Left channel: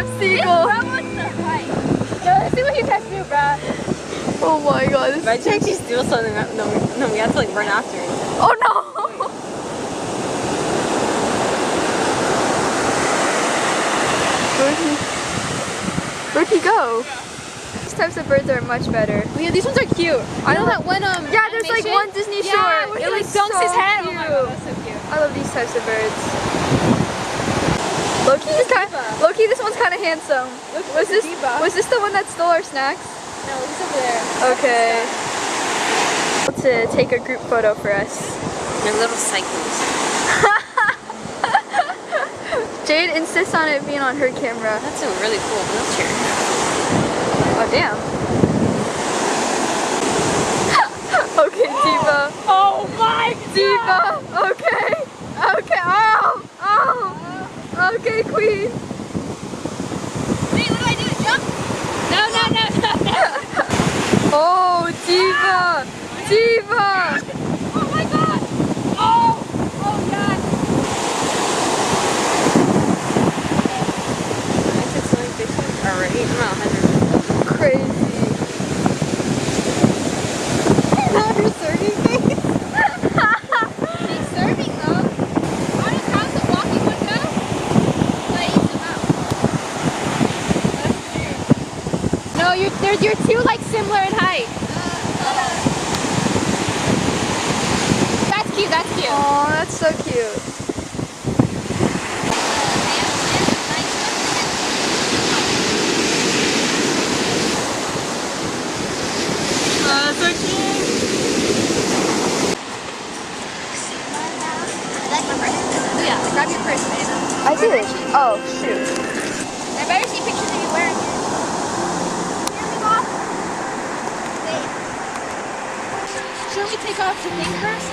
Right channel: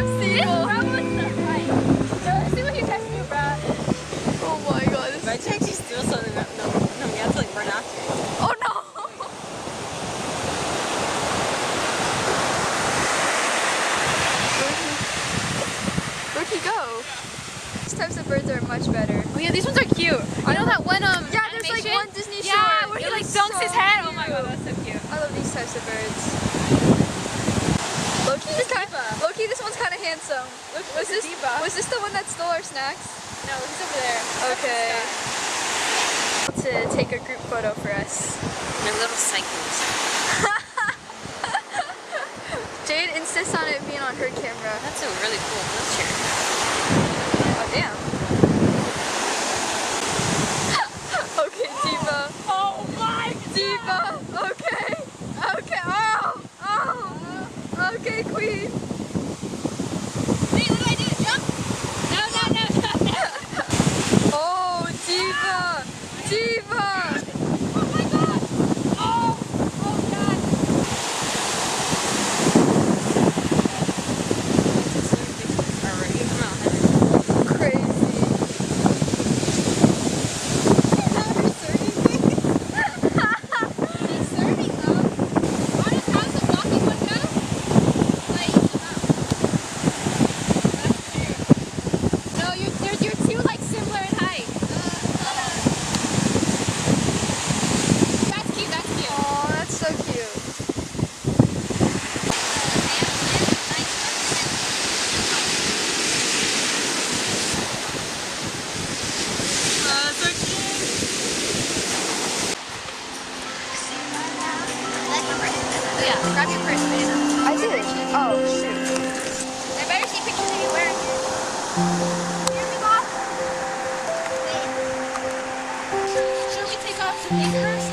have seagull. No, let's see what you guys do, bro. Oh my god. This Imagine if she steals something. No, we have to like run after it. Oh no! Where'd he go? These types of birds are much better. Oh yeah, these ones are cute. I know that one yeah, there's like one Disney short. Yeah, where he like dunks his head. Cute. Oh my god, that's so cute. I love these types of birds. Loki, this one's kind of handsome. Was this the one that stole our snacks? No, he's over there. Okay. To take a group photo for us. They're little cycles. Jade insists on it being on her camera. That's a really cool wheelchair. Oh damn. Okay, Diva. Oh my Diva. Okay. Okay. Oh. Oh. Okay, Queen. Wait, what do I do? Jump? No. Oh, Diva. Diva. Oh my god. Oh yes. Is it swimming fishes already? I'm at 100. Crazy. Not her surfing face. She's surfing though. Honest, how's the walking one go? Like, that's true. No, you're two like similar in height. That's cute. That's cute. Oh, that's so cute. So cute. Yeah, grab your purse, man. I did. Oh, shoot. I better see pictures of you wearing it. Here we go. Wait. Should we take off the thing first?